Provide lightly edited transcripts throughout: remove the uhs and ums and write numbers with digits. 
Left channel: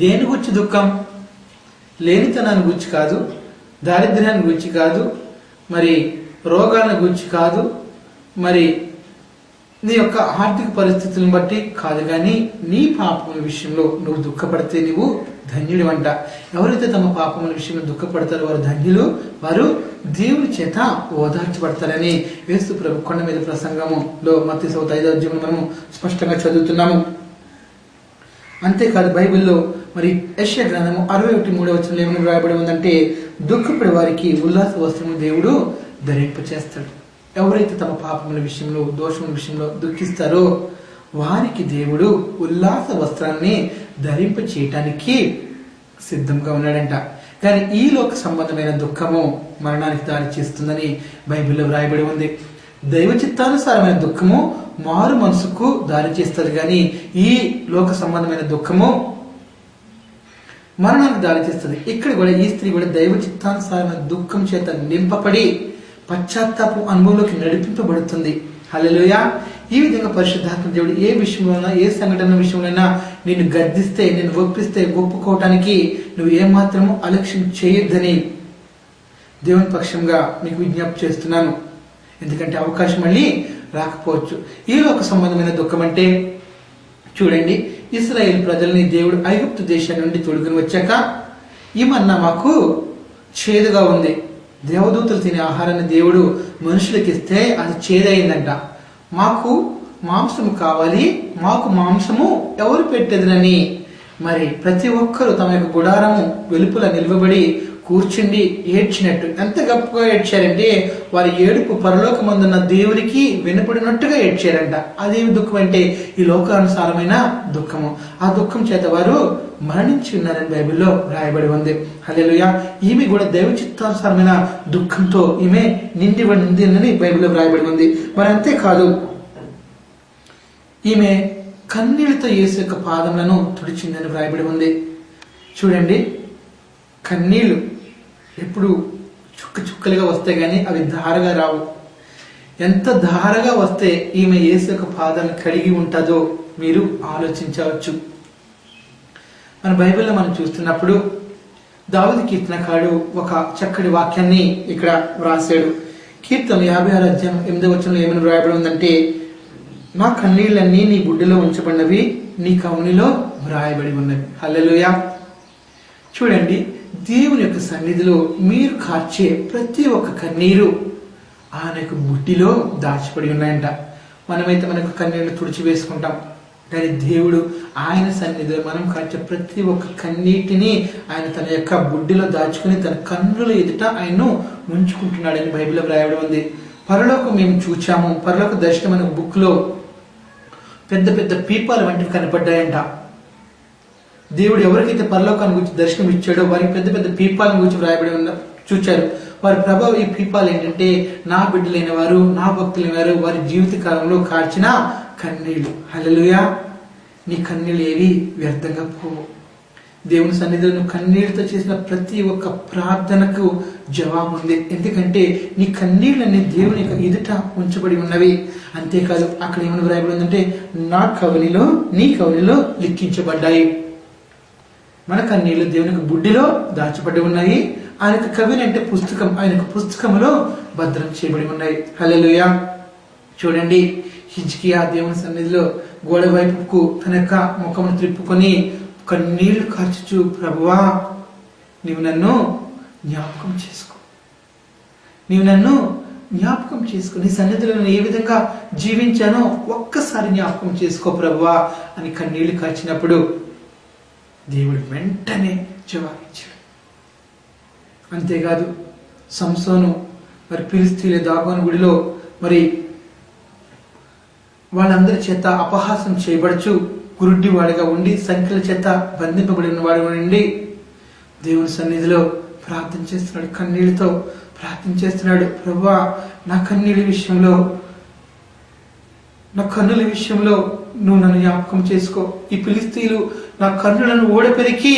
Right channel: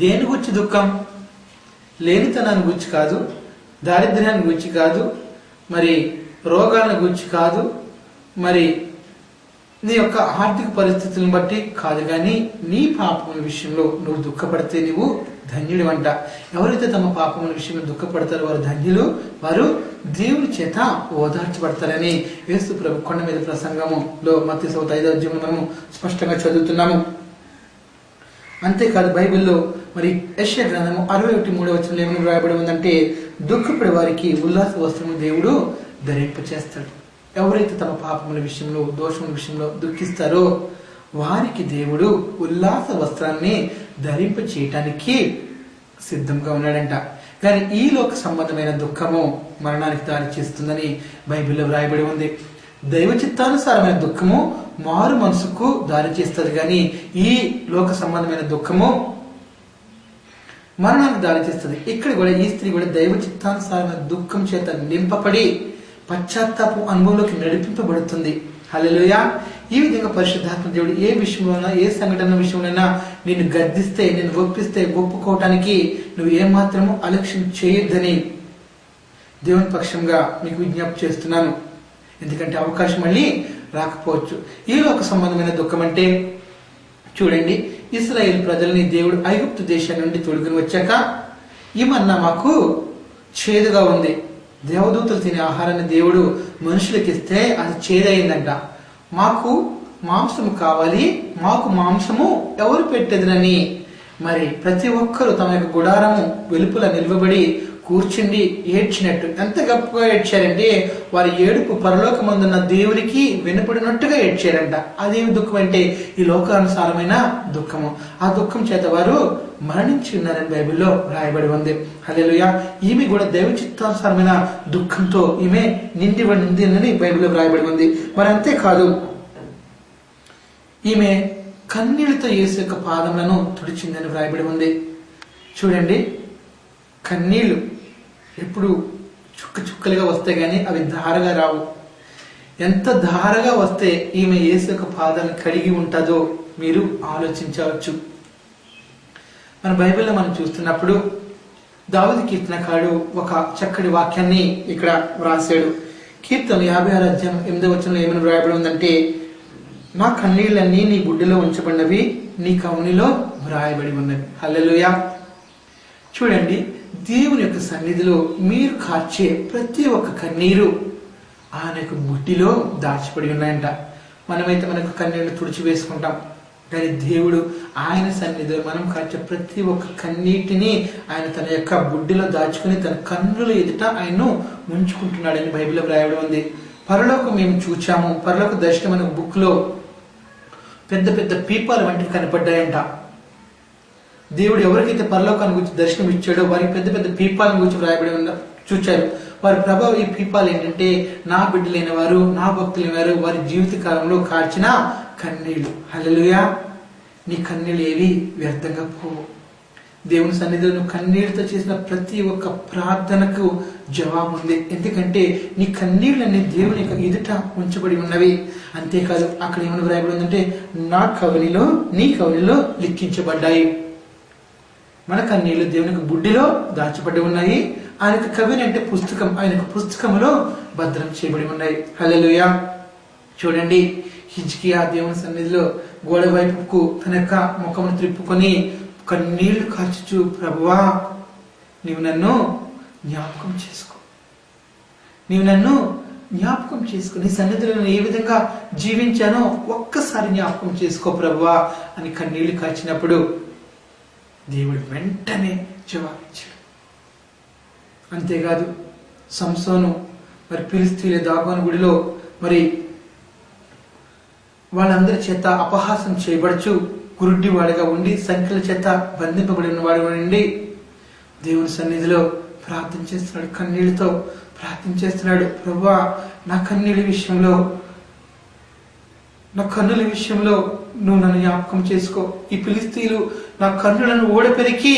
దేని గురించి దుఃఖం? లేనితనాన్ని గురించి కాదు, దారిద్ర్యాన్ని గురించి కాదు, మరి రోగాలను గురించి కాదు, మరి నీ యొక్క ఆర్థిక పరిస్థితులను బట్టి కాదు, కానీ నీ పాపముల విషయంలో నువ్వు దుఃఖపడితే నువ్వు ధన్యుడు అంట. ఎవరైతే తమ పాపముల విషయంలో దుఃఖపడతారో వారు ధన్యులు, వారు దేవుని చేత ఓదార్చబడతారని యేసు ప్రభు కొండ మీద ప్రసంగములో మత్తయి 5వ అధ్యాయం మనము స్పష్టంగా చదువుతున్నాము. అంతేకాదు బైబిల్లో మరి యెషయా గ్రంథము 61:3 వచనంలో ఏమని రాయబడి ఉందంటే, దుఃఖపడే వారికి ఉల్లాస వస్త్రము దేవుడు ధరింపచేస్తాడు. ఎవరైతే తమ పాపముల విషయంలో దోషముల విషయంలో దుఃఖిస్తారో వారికి దేవుడు ఉల్లాస వస్త్రాన్ని ధరింప చేయటానికి సిద్ధంగా ఉన్నాడంట. కానీ ఈ లోక సంబంధమైన దుఃఖము మరణానికి దారి చేస్తుందని బైబిల్లో వ్రాయబడి ఉంది. దైవ చిత్తానుసారమైన దుఃఖము మారు మనసుకు దారి చేస్తుంది, కానీ ఈ లోక సంబంధమైన దుఃఖము మరణానికి దారి చేస్తుంది. ఇక్కడ కూడా ఈ స్త్రీ కూడా దైవ చిత్తానుసారమైన దుఃఖం చేత నింపబడి పశ్చాత్తాపం అనుభవంలోకి నడిపింపబడుతుంది. హల్లెలూయా. ఈ విధంగా పరిశుద్ధాత్మ దేవుడు ఏ విషయంలోనైనా, ఏ సంఘటన విషయంలోనైనా నిన్ను గద్దిస్తే, నిన్ను ఒప్పిస్తే ఒప్పుకోవటానికి నువ్వు ఏమాత్రము అలక్ష్యం చేయొద్దని దేవుని పక్షంగా మీకు విజ్ఞప్తి చేస్తున్నాను. ఎందుకంటే అవకాశం మళ్ళీ రాకపోవచ్చు. ఈ లోక సంబంధమైన దుఃఖం అంటే చూడండి, ఇశ్రాయేల్ ప్రజల్ని దేవుడు ఐగుప్తు దేశం నుండి తోడుకుని వచ్చాక ఈ మన్నా మాకు చేదుగా ఉంది. దేవదూతలు తినే ఆహారాన్ని దేవుడు మనుషులకి ఇస్తే అది చేదయిందంట. మాకు మాంసము కావాలి, మాకు మాంసము ఎవరు పెట్టేదనని మరి ప్రతి ఒక్కరూ తమ యొక్క గుడారము వెలుపల నిలవబడి కూర్చుండి ఏడ్చినట్టు. ఎంత గొప్పగా ఏడ్చారంటే వారి ఏడుపు పరలోకమందున్న దేవునికి వినపడినట్టుగా ఏడ్చారంట. అదేమి దుఃఖం అంటే ఈ లోకానుసారమైన దుఃఖము. ఆ దుఃఖం చేత వారు మరణించి ఉన్నారని బైబిల్లో రాయబడి ఉంది. హల్లెలూయా. ఈమె కూడా దైవ చిత్తానుసారమైన దుఃఖంతో ఈమె నిండి ఉంది అని బైబిల్లో రాయబడి ఉంది. మరి అంతేకాదు, ఈమె కన్నీళ్లతో యేసు యొక్క పాదములను తుడిచిందని వ్రాయబడి ఉంది. చూడండి, కన్నీళ్లు ఎప్పుడు చుక్క చుక్కలుగా వస్తాయి, కానీ అవి ధారగా రావు. ఎంత ధారగా వస్తే ఈమె యేసు యొక్క పాదాలను కడిగి ఉంటుందో మీరు ఆలోచించవచ్చు. మన బైబిల్లో మనం చూస్తున్నప్పుడు దావీదు కీర్తనకారుడు ఒక చక్కటి వాక్యాన్ని ఇక్కడ వ్రాసాడు. కీర్తన 56 అధ్యాయం 8వ వచనంలో ఏమని వ్రాయబడి ఉందంటే, నా కన్నీళ్ళన్నీ నీ గుడ్డలో ఉంచబడినవి, నీ కవునిలో వ్రాయబడి ఉన్నవి. హల్లెలూయా. చూడండి, దేవుని యొక్క సన్నిధిలో మీరు కార్చే ప్రతి ఒక్క కన్నీరు ఆయన యొక్క బుడ్డిలో దాచిపడి ఉన్నాయంట. మనమైతే మనకు కన్నీళ్లు తుడిచి వేసుకుంటాం, కానీ దేవుడు ఆయన సన్నిధిలో మనం కార్చే ప్రతి ఒక్క కన్నీటిని ఆయన తన యొక్క బుడ్డిలో దాచుకుని తన కన్నుల ఎదుట ఆయన్ను ఉంచుకుంటున్నాడని బైబిల్లో వ్రాయబడి ఉంది. పరలోకం మేము చూచాము. పరలోక దర్శనం అనే బుక్ లో పెద్ద పెద్ద పీపాలు వంటివి కనపడ్డాయంట. దేవుడు ఎవరికైతే పరలోకాన్ని గురించి దర్శనం ఇచ్చాడో వారికి పెద్ద పెద్ద పీపాలను గురించి వ్రాయబడి చూచారు. వారి ప్రభావం ఈ పీపాలు ఏంటంటే నా బిడ్డలైన వారు, నా భక్తులైన వారు వారి జీవిత కాలంలో కార్చిన కన్నీళ్లు. హల్లెలూయా. నీ కన్నీళ్ళు ఏవి వ్యర్థంగా పోవు. దేవుని సన్నిధిలో నువ్వు కన్నీళ్లతో చేసిన ప్రతి ఒక్క ప్రార్థనకు జవాబు ఉంది. ఎందుకంటే నీ కన్నీళ్ళని దేవుని యొక్క ఎదుట ఉంచబడి ఉన్నవి. అంతేకాదు, అక్కడ ఏమైనా వ్రాయబడి ఉందంటే, నా కవనిలో నీ కవనిలో లిఖించబడ్డాయి. మన కన్నీళ్లు దేవునికి బుడ్డిలో దాచబడి ఉన్నాయి. ఆయనకు కవిని అంటే పుస్తకం, ఆయనకు పుస్తకంలో భద్రం చేయబడి ఉన్నాయి. హల్లెలూయా. చూడండి, హిజ్కియా దేవుని సన్నిధిలో గోడ వైపుకు తన యొక్క ముఖమును త్రిప్పుకొని కన్నీళ్లు కార్చుచు, ప్రభువా నీవు నన్ను జ్ఞాపకం చేసుకో, నీవు నన్ను జ్ఞాపకం చేసుకో, నీ సన్నిధిలో నేను ఏ విధంగా జీవించానో ఒక్కసారి జ్ఞాపకం చేసుకో ప్రభువా అని కన్నీళ్లు కార్చినప్పుడు దేవుడు వెంటనే జవాబిచ్చాడు. అంతేకాదు, సంసోను మరి ఫిలిష్తీయుల దాగోను గుడిలో మరి వాళ్ళందరి చేత అపహాసం చేయబడుచు గురుడ్డి వాడిగా ఉండి సంఖ్యల చేత బంధింపబడిన వాడు ఉండి దేవుని సన్నిధిలో ప్రార్థన చేస్తున్నాడు. కన్నీళ్లతో ప్రార్థన చేస్తున్నాడు. ప్రభువా నా కన్నీళ్ళ విషయంలో, నా కన్నుల విషయంలో నువ్వు నన్ను జ్ఞాపకం చేసుకో. ఈ ఫిలిష్తీయులు నా కన్నులను ఓడపెరికి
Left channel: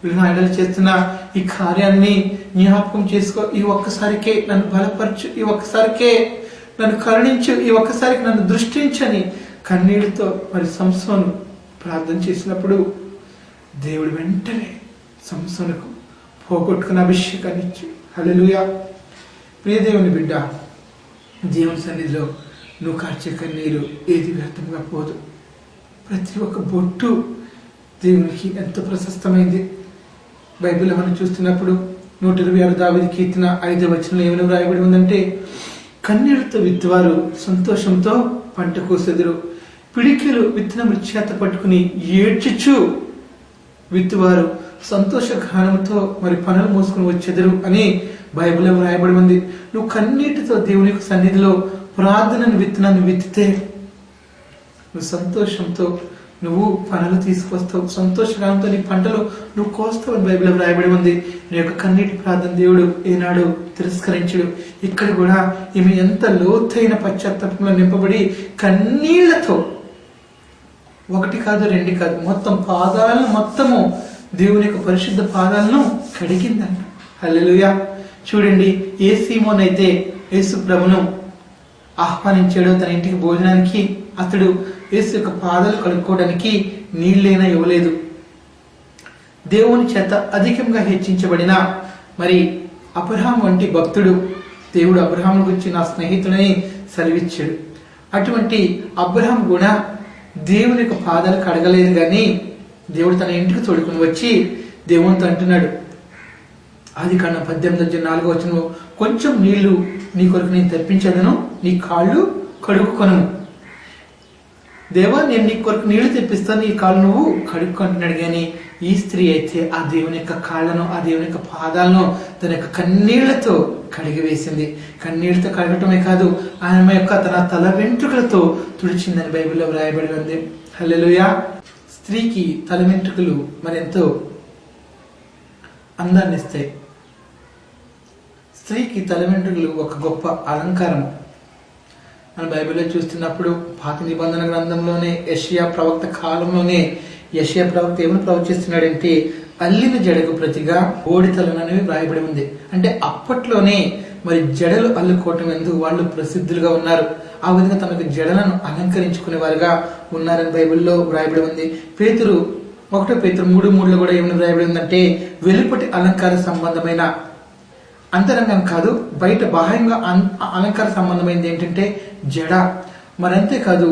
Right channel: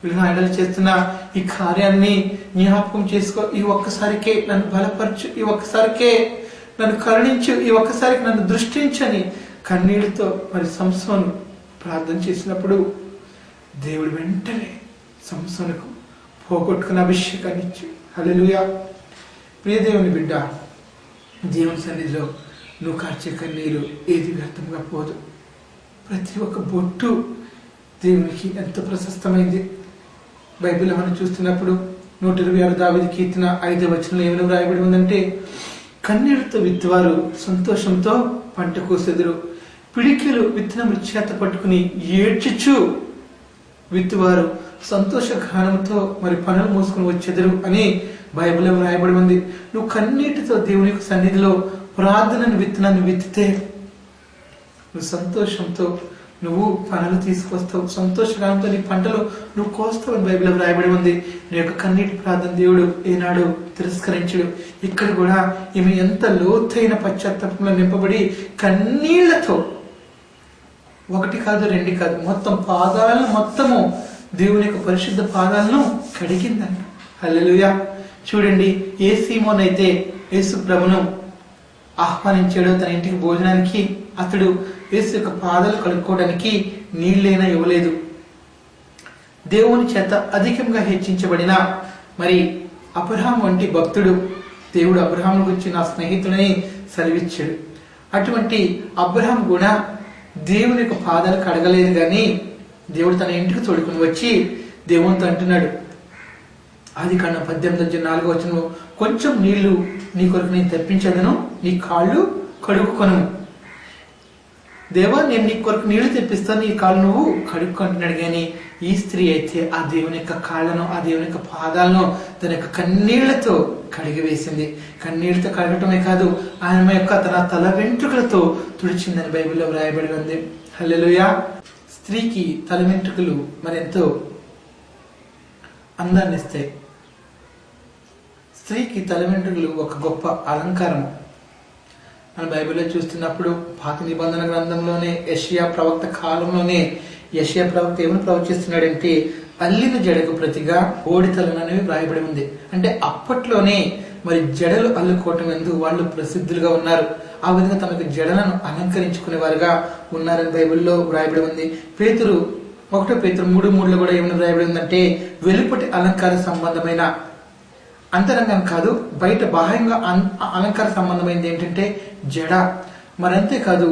వీళ్ళు నా ఎడలు చేస్తున్న ఈ కార్యాన్ని జ్ఞాపకం చేసుకో. ఈ ఒక్కసారికే నన్ను బలపరచు, ఈ ఒక్కసారికే నన్ను కరుణించు, ఈ ఒక్కసారికి నన్ను దృష్టించని కన్నీళ్లతో మరి సంసోను ప్రార్థన చేసినప్పుడు దేవుడు వెంటనే సంసోనుకు పోగొట్టుకున్న అభిషేకాన్ని ఇచ్చి, హల్లెలూయా. ప్రియ దేవుని బిడ్డ, దేవుని సన్నిధిలో నువ్వు కార్చే కన్నీరు ఏది వ్యర్థంగా పోదు. ప్రతి ఒక్క బొట్టు దేవునికి ఎంతో ప్రశస్తమైంది. బైబిల్ మనం చూస్తున్నప్పుడు 126 దావీదు కీర్తన 5వ వచనంలో ఏమైనా వ్రాయబడి ఉందంటే, కన్నీళ్లతో విత్తువారు సంతోషంతో పంట కోసెదరు, పిడికిలు విత్తనములు చేత పట్టుకుని ఏడ్చుచు విత్తువారు సంతోష గానంతో మరి పనులు మోసుకుని వచ్చెదరు అని బైబిల్లో వ్రాయబడి ఉంది. నువ్వు కన్నీటితో దేవుని యొక్క సన్నిధిలో ప్రార్థనను విత్తనాన్ని విత్తితే నువ్వు సంతోషంతో నువ్వు పనులు తీసుకొస్తావు, సంతోషగానంతో నీ పంటలు నువ్వు కోస్తావు అని బైబిల్లో వ్రాయబడి ఉంది. నీ యొక్క కన్నీటి ప్రార్థన దేవుడు ఏనాడు తిరస్కరించడు. ఇక్కడ కూడా ఈమె ఎంత లోతైన పశ్చాత్తాపంలో నింపబడి కన్నీళ్లతో, 1 కాదు 2 కాదు, మొత్తం పాదాలను మొత్తము దేవుని యొక్క పరిశుద్ధ పాదాలను కడిగిందంట. హల్లెలూయా. చూడండి, ఏ సీమోన్ అయితే యేసు ప్రభును ఆహ్వానించాడో తన ఇంటికి భోజనానికి, అతడు యేసు యొక్క పాదాలు కడుక్కోవడానికి నీళ్ళైనా ఇవ్వలేదు. దేవుని చేత అధికంగా హెచ్చించబడిన మరి అబ్రహాం వంటి భక్తుడు, దేవుడు అబ్రహాం గురించి నా స్నేహితుడని సెలవిచ్చాడు. అటువంటి అబ్రహాం కూడా దేవుని యొక్క పాదాలు కడగలేదు, కానీ దేవుడు తన ఇంటికి తోడుకుని వచ్చి దేవునితో అంటున్నాడు, ఆదికాండం 18:4 కొంచెం నీళ్లు నీ కొరకు నేను తెప్పించదను, నీ కాళ్ళు కడుక్కొను. దేవా, నేను నీ కొరకు నీళ్లు తెప్పిస్తాను, నీ కాళ్ళు నువ్వు కడుక్కుంటున్నాడు. కానీ ఈ స్త్రీ అయితే ఆ దేవుని యొక్క కాళ్ళను, ఆ దేవుని యొక్క పాదాలను తన యొక్క కన్నీళ్లతో కడిగివేసింది. కన్నీళ్లతో కడగటమే కాదు, ఆమె యొక్క తన తల వెంట్రుకలతో తుడిచిందని బైబిల్లో వ్రాయబడి ఉంది. హల్లెలూయా. స్త్రీకి తల వెంట్రుకలు మరెంతో అందాన్ని ఇస్తాయి. స్త్రీకి తల వెంట్రుకలు ఒక గొప్ప అలంకారం. మన బైబిల్లో చూస్తున్నప్పుడు పాత నిబంధన గ్రంథంలోనే యెషయా ప్రవక్త కాలంలోనే యెషయా ప్రవక్త ఏమని ప్రవచిస్తున్నాడంటే, అల్లిన జడకు ప్రతిగా బోడితలను అనేవి వ్రాయబడి ఉంది. అంటే అప్పట్లోనే మరి జడలు అల్లుకోవటం ఎందుకు వాళ్ళు ప్రసిద్ధులుగా ఉన్నారు. ఆ విధంగా తమకు జడలను అలంకరించుకునే వారుగా ఉన్నారని బైబిల్లో వ్రాయబడి ఉంది. పేతురు 1 పేతురు 3:3 కూడా ఏమని వ్రాయబడి ఉందంటే, వెలుపటి అలంకార సంబంధమైన, అంతరంగం కాదు, బయట బాహ్యంగా అలంకార సంబంధమైనది ఏంటంటే జడ. మరంతేకాదు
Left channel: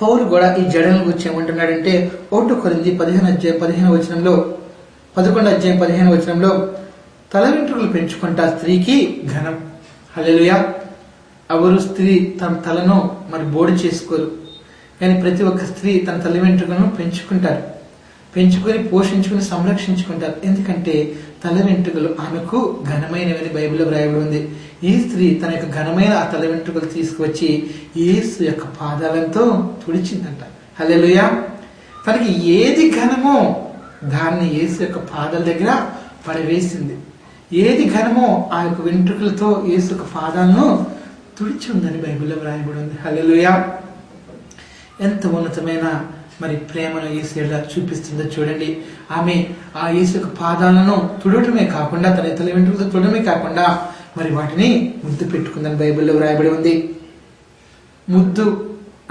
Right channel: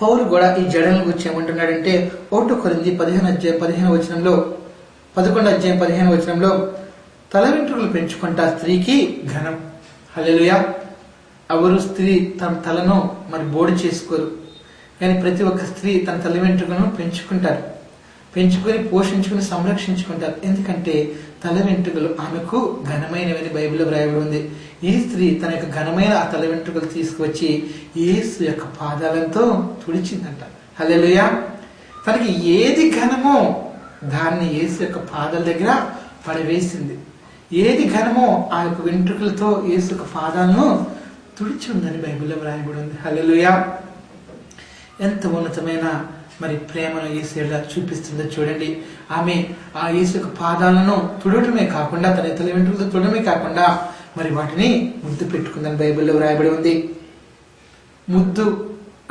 పౌలు కూడా ఈ జడలను గురించి ఏమంటున్నాడంటే, 1 కొరింథీ 11:15 తల వెంట్రుకలు పెంచుకుంటా స్త్రీకి ఘనం. హల్లెలూయా. ఎవరు స్త్రీ తన తలను మరి బోడి చేసుకోరు, కానీ ప్రతి ఒక్క స్త్రీ తన తల వెంట్రుకలను పెంచుకుంటారు, పెంచుకొని పోషించుకుని సంరక్షించుకుంటారు. ఎందుకంటే తల వెంట్రుకలు ఆమెకు ఘనమైనవని బైబిల్లో వ్రాయబడి ఉంది. ఈ స్త్రీ తన యొక్క ఘనమైన ఆ తల వెంట్రుకలు తీసుకువచ్చి యేసు యొక్క పాదాలతో తుడిచిందంట. హల్లెలూయా. తనకి ఏది ఘనమో దాన్ని యేసు యొక్క పాదాల దగ్గర పడవేసింది. ఏది ఘనమో ఆ యొక్క వెంట్రుకలతో యేసు యొక్క పాదాలను తుడిచి ఉందని బైబిల్లో వ్రాయబడి ఉంది. హల్లెలూయా. ఎంత ఉన్నతమైన మరి ప్రేమను యేసు ఎలా చూపిస్తుందో చూడండి. ఆమె ఆ యేసు యొక్క పాదాలను తుడటమే కాకుండా, తన తల వెంట్రుకలతో తుడమే కాకుండా మరి వాటిని ముద్దు పెట్టుకుందని బైబిల్లో వ్రాయబడి ఉంది. ముద్దు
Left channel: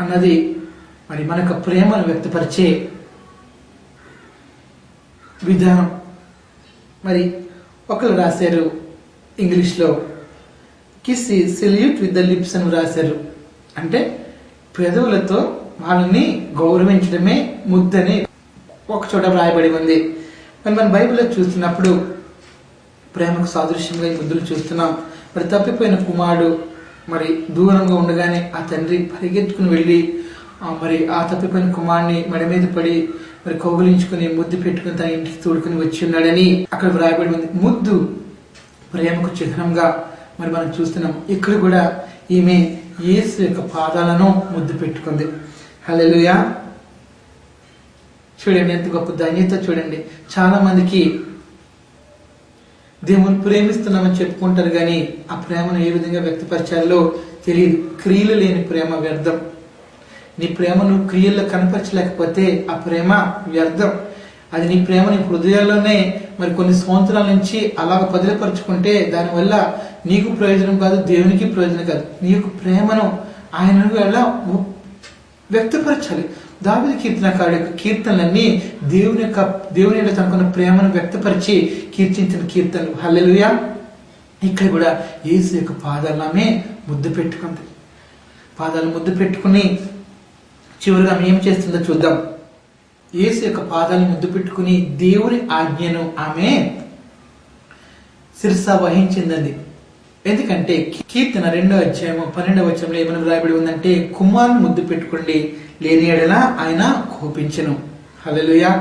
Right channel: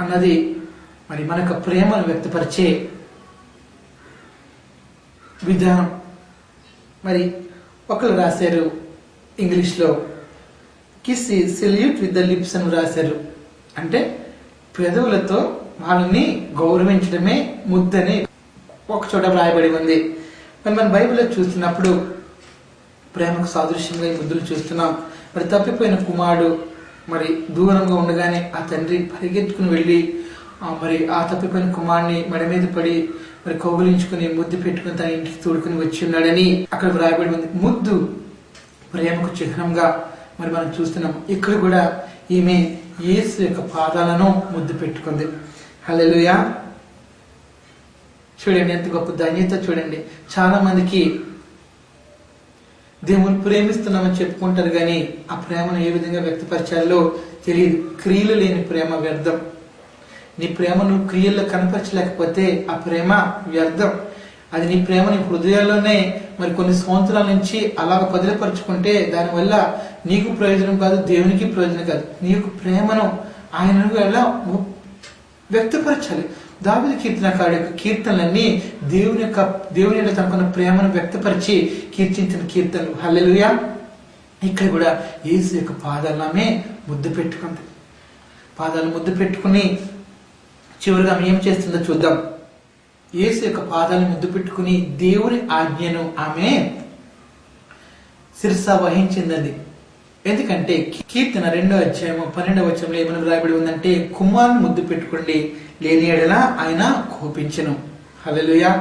అన్నది మరి మనకు ప్రేమను వ్యక్తపరిచే విధానం. మరి ఒకరు రాశారు ఇంగ్లీష్లో, కిస్ ఈ సెల్యూట్ విత్ ద లిప్స్ అని రాశారు. అంటే పెదవులతో వాళ్ళని గౌరవించడమే ముద్దని ఒక చోట వ్రాయబడి ఉంది. మరి మన బైబిల్లో చూస్తున్నప్పుడు ప్రేమకు సాదృశ్యంగా ఈ ముద్దులు చూస్తున్నాం. మరి తప్పిపోయిన కుమారుడు మరి దూరంగా ఉండగానే ఆ తండ్రి పరిగెత్తుకుని వెళ్ళి మరి ఆ తప్పిపోయిన కుమారుని మెడ మీద పడి మరి కౌగులించుకుని ముద్దు పెట్టుకుని తన ఇంటికి తోడుకుని వచ్చి ఉన్నాడని అక్కడ వ్రాయబడి ఉంది. ముద్దు ప్రేమకు చిహ్నంగా మరి మనం చూస్తున్నాం. ఇక్కడ కూడా ఈమె యేసు యొక్క పాదాలను ముద్దు పెట్టుకుంది. హల్లెలూయా. చూడండి ఎంత గొప్ప ధన్యత. చూడండి, చాలా మందికి దేవుని ప్రేమిస్తున్నామని చెప్పుకుంటారు, కానీ ఆ ప్రేమను ఏ విధంగా వ్యక్తపరచాలో తెలియదు. క్రియలు లేని ప్రేమ వ్యర్థం. నీ ప్రేమను క్రియల్లో కనపరచలేకపోతే ఆ ప్రేమ వ్యర్థం. అది నీ ప్రేమ నీ హృదయాల్లోనే మరి కొన్ని సంవత్సరాల నుంచి అలాగ పదిలపరుచుకుంటే దానివల్ల నీకు ప్రయోజనం కాదు, దేవునికి ప్రయోజనం కాదు. నీ యొక్క ప్రేమను ఆయన ఎలా వ్యక్తపరచాలి. దావీదు కీర్తనకారుడి యొక్క కీర్తనలన్నీ దేవుని యొక్క తనకున్న ప్రేమను వ్యక్తపరిచి కీర్తించిన కీర్తనలు. హల్లెలూయా. ఇక్కడ కూడా యేసు యొక్క పాదాలమే ముద్దు పెట్టుకుంది. పాదాలు ముద్దు పెట్టుకుని చివరిగా ఆమె ఏం చేస్తుందో చూద్దాం. యేసు యొక్క పాదాలను ముద్దు పెట్టుకుని దేవుని ఆజ్ఞను ఆమె శిరస వహించిందండి. ఎందుకంటే కీర్తన 2వ అధ్యాయము 12వ వచనంలో ఏమని రాయబడి ఉందంటే, కుమారుని ముద్దు పెట్టుకోండి, లేని ఎడల ఆయన కోపించెను. హల్లెలూయా.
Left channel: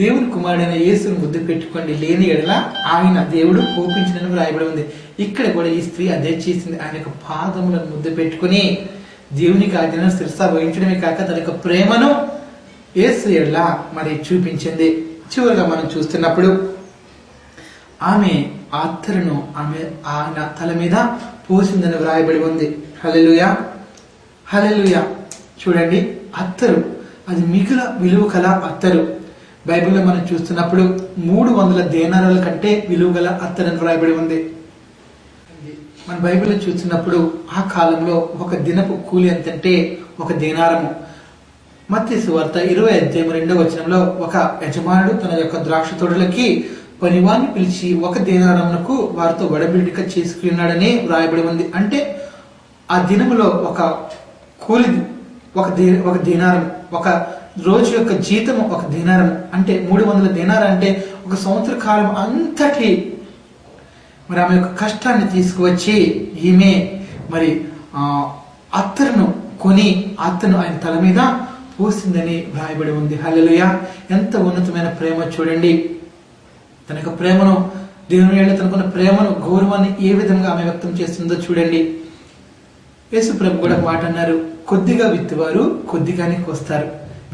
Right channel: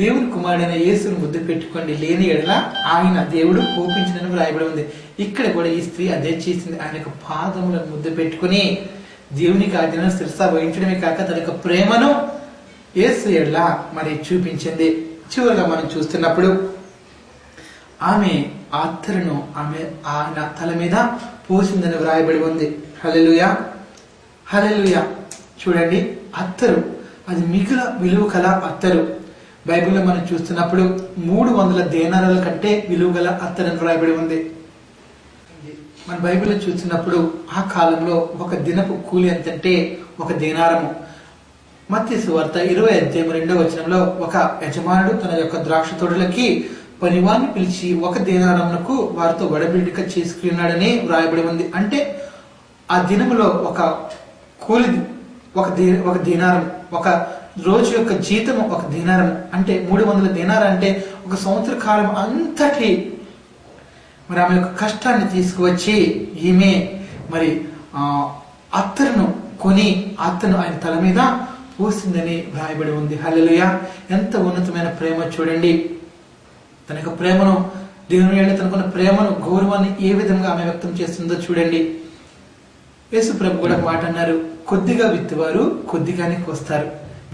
దేవుని కుమారుడైన యేసును ముద్దు పెట్టుకోండి, లేని ఎడల ఆయన దేవుడు కోపించినని రాయబడి ఉంది. ఇక్కడ కూడా ఈ స్త్రీ అదే చేసింది. ఆయన యొక్క పాదములను ముద్దు పెట్టుకుని దేవునికి ఆజ్ఞను శిరస వహించడమే కాక తన యొక్క ప్రేమను యేసు ఎడల మరి చూపించింది. చివరిగా మనం చూస్తున్నప్పుడు ఆమె అత్తరును ఆయన తల మీద పోసిందని వ్రాయబడి ఉంది. హల్లెలూయా. హల్లెలూయా. చూడండి, అత్తరు అది మిగుల విలువ కల అత్తరు. బైబిల్లో మనం చూస్తున్నప్పుడు 300 దేనారాల కంటే విలువ గల అత్తరు అని వ్రాయబడి ఉంది. మన బైబిల్లో చూస్తున్నప్పుడు ఆ కాలంలో ఒక దినపు కూలి ఎంతంటే 1 దేనారము. మత్తయి సువార్త 20వ అధ్యాయం 2వ వచనంలో ఒక యజమానుడు తన యొక్క ద్రాక్ష తోటలకి పనివాన్ని పిలిచి 1 దేనారమునకు వారితో వడబిడిక చేసుకున్నాడని వ్రాయబడి ఉంది. అంటే ఆ దినములో ఒక కూలి 1 దేనారం, ఒక రోజు యొక్క జీతం 1 దేనారం, అంటే 300 దేనారం, అంటే 1 సంవత్సర కాలం అంతటి మరి ఆమె యొక్క కష్టాన్ని తీసుకువచ్చి ఈమె మరి అత్తరును కొని అత్తను ఆయన తల మీద పోసిందని వ్రాయబడి ఉంది. హల్లెలూయా. ఎంత ఉన్నతమైన ప్రేమ చూడండి. తన యొక్క ప్రేమను, దేవుని ఏళ్ళ తనకున్న ప్రేమను, గౌరవాన్ని ఏ విధంగా ఆమె వ్యక్తం చేస్తుందో చూడండి. యేసు ప్రభు కూడా మాట అన్నారు, కొద్దిగా విత్తువారు కొద్దిగానే కోస్తారు,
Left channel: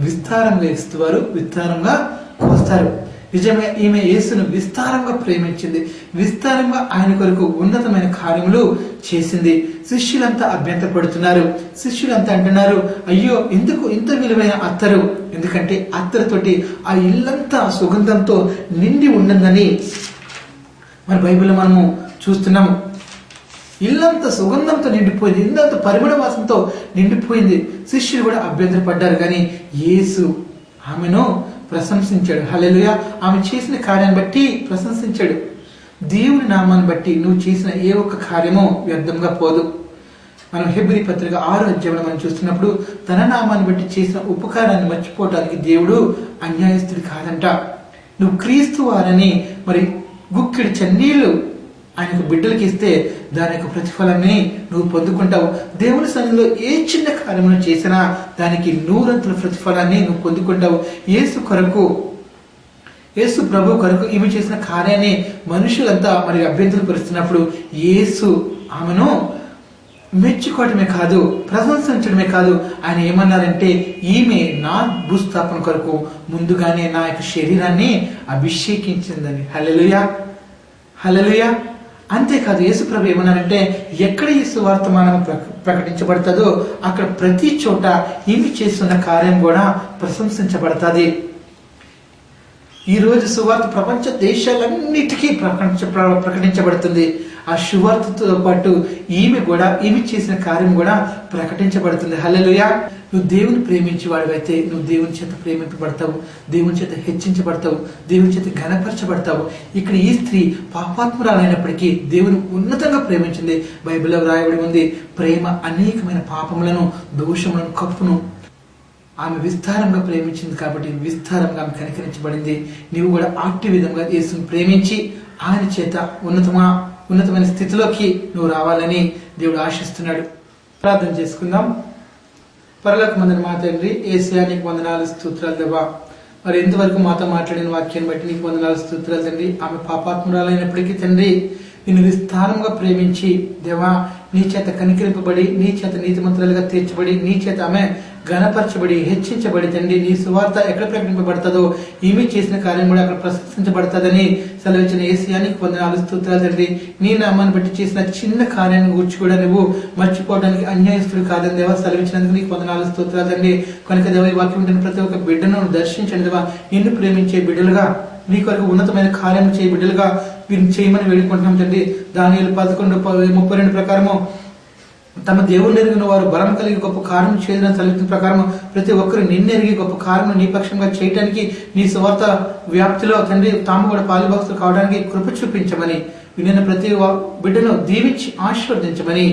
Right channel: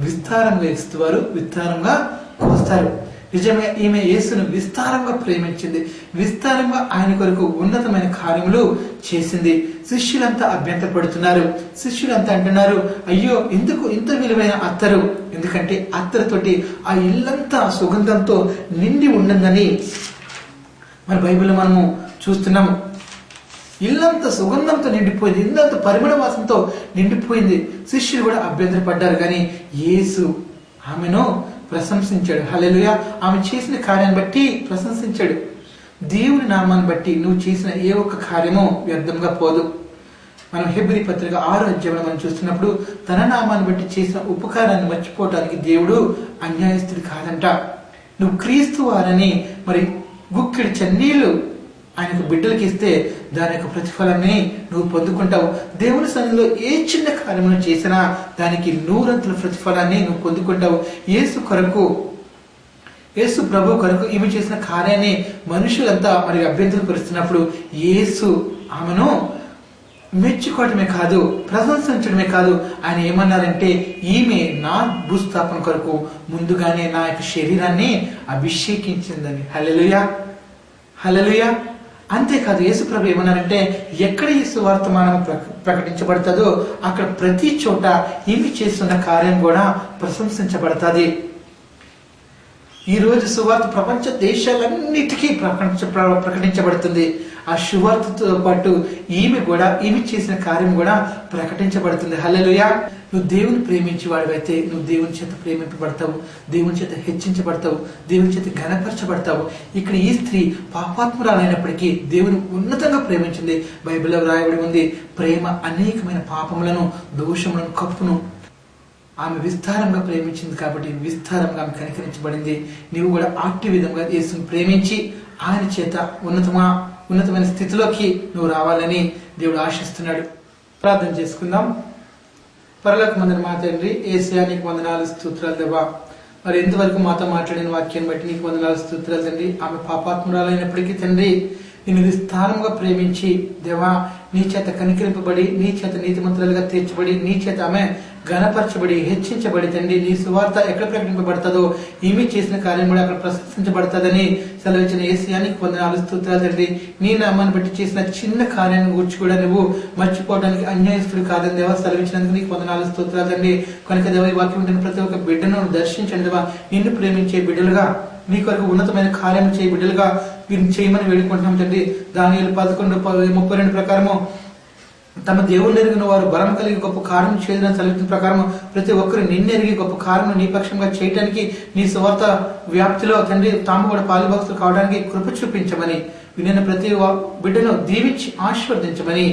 విస్తారంగా ఇస్తువారు విస్తారంగా కోస్తారు. నిజంగా ఈమె యేసును విస్తారంగా ప్రేమించింది, విస్తారంగా ఆయన కొరకు ఉన్నతమైన కార్యములు చేసింది. శిష్యులంతా అభ్యంతరపడుతున్నారు. శిష్యులంతా అంటున్నారు, అయ్యో ఎందుకు ఇంత విలువైన అత్తరు? ఎందుకంటే అత్తరుతోటి ఆ ఇల్లంతా సుగంధంతో నిండి ఉండిందని మన బైబిల్లో మనము చూస్తున్నాము. ఇల్లంతా సుగంధంతో నిండిపోయింది, ఇల్లంతా పరిమళ వాసనతో నిండిపోయింది. శిష్యులు కూడా అభ్యంతరపడ్డారు, కానీ యేసు ఆమెను ప్రశంసించాడు. హల్లెలూయా. ఆమె చేసిన కార్యాన్ని బట్టి ప్రశంసించాడు. దేవుని నామాన్ని బట్టి నువ్వు చేసిన ఏ ఒక్క కార్యమో వ్యర్థంగా పోదు. మనం హెబ్రీ పత్రిక 6వ అధ్యాయంలో మనం చూస్తున్నప్పుడు తన నామాన్ని బట్టి చేసిన ఉపకారాన్ని మర్చిపోవటానికి దేవుడు అన్యాయస్తుడు కాదంట. నువ్వు క్రీస్తు వారని మరి గుక్కిడి చన్నీళ్లు ఆయనకు బిడ్డలకి ఇస్తే దాని యొక్క ప్రతిఫలాన్ని నువ్వు పొందుకుంటావు. దేవుని సన్నిధిలో ఏ చిన్న కార్యమును చేసినా దానికి 100 ప్రతిఫలాన్ని నువ్వు పొందుకుంటావు. యేసు ప్రభు కొరకు ఈమె చేసిన కార్యాన్ని మనుషులంతా మరి అభ్యంతరపరుస్తున్నప్పుడు యేసు ఆమెను మెచ్చుకోవటమే కాదు, ప్రశంసించడమే కాదు, ఆయన ఏమన్నారంటే, ఈమె నా భూస్థాపన కొరకు ముందుగానే నా యొక్క శరీరాన్ని అభిషేకించిందని. హల్లెలూయా. హల్లెలూయా. అంతేకాదు, యేసు ప్రభు ఏమన్నారంటే, ఎక్కడ ఈ సువార్తమానం ప్రకటించబడుతుందో అక్కడ ప్రతి చోట ఈమె చేస్తున్న కార్యం కూడా ప్రశంసించబడుతుంది. ఈ రోజు సువార్త ప్రపంచ దేశాలన్నిటికీ ప్రకటించబడుతుంది. ఆ సువార్తతో పాటు ఈమె చేసిన కార్యం కూడా ప్రకటించబడుతుంది. హల్లెలూయా. నువ్వు దేవుని ప్రేమించి వాడివైతే నువ్వు దేవుని చేత ప్రేమింపబడతావు, దేవుని చేత హెచ్చించబడతావు, దేవుని చేత ఘనపరచబడతావు. ఇక్కడ ఈ స్త్రీ పాపాత్మురాలైనప్పటికీ దేవుని ఉన్నతంగా ప్రేమించింది. బైబిల్లో రాయబడి ఉంది, ప్రేమ అనేకమైన పాపములను, దోషములను కప్పును. ఆమె విస్తారంగా ప్రేమించింది కాబట్టి విస్తారంగా ఆమె కనికరించబడింది. నీవు కూడా అట్టి విధంగా యేసుని ప్రేమించి ఆయన చేత ఉన్నతమైన స్థితిలోకి నువ్వు రావాలని దేవుడు ఆశిస్తున్నాడు. ప్రార్థన చేసుకుందాం. పరలోకమందున మా తండ్రి, యేసయ్యా నీకు వందనాలు, స్తోత్రాలు దేవా. మరి ఎంతవరకు మాతో మాట్లాడిన వాక్యాన్ని బట్టి నీకు వందనాలు, స్తోత్రాలు తండ్రి. ఆమె పాపాత్మురాలైనప్పటికీ తండ్రి నిన్ను విస్తారంగా ప్రేమించి దేవా నీ చేత కనికరింపబడి, నీ చేత నీతిమంతులుగా తీర్చబడి, నీ చేత ఆమె ఘనపరచబడి, హెచ్చించబడి తండ్రి నీ సువార్త ఎక్కడ ప్రకటింపబడుతుందో ఈమె చేసిన కార్యం కూడా అక్కడ ప్రశంసించబడుతుందని సెలవిచ్చిన యేసయ్యా నీకు వందనాలు, స్తోత్రాలు తండ్రి. నీ నామాన్ని బట్టి చేసిన చిన్న కార్యాన్ని గురించి కూడా నువ్వు మర్చిపోవడానికి అన్యాయస్తుడు కాదని దేవా సెలవిచ్చినందుకు నీకు వందనాలు, స్తోత్రాలు తండ్రి. కనుక దేవా ఈ వాక్యం ఉంటున్న ప్రతి ఒక్క బిడ్డను దర్శించండి దేవా. నిన్ను ప్రేమించే బిడ్డలుగా, నీ కొరకు ఉన్నతమైన కార్యం చేయ బిడ్డలుగా వీరిని చేయమని వేడుకుంటున్నాం తండ్రి. దానియేలు 11:32 ప్రకారము తమ దేవుని ఎరిగిన వారు బలం కలిగి గొప్ప కార్యం చేసిన చలితం ప్రకారం ప్రతి ఒక్కరు నిన్నెరిగి గొప్ప కార్యం నీ పక్షంగా చేయడానికి నీ స్వార్థ వ్యాప్తిలో తండ్రి తాము కూడా పాలుభక్తులు కావడానికి కృప చూపించమని వినిన ప్రతి బిడ్డను దీవించి ఆశీర్వదించమని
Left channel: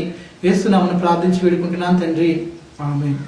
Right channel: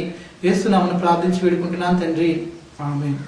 యేసునామమున ప్రార్థించి వేడుకుంటున్నాను తండ్రి. ఆమేన్.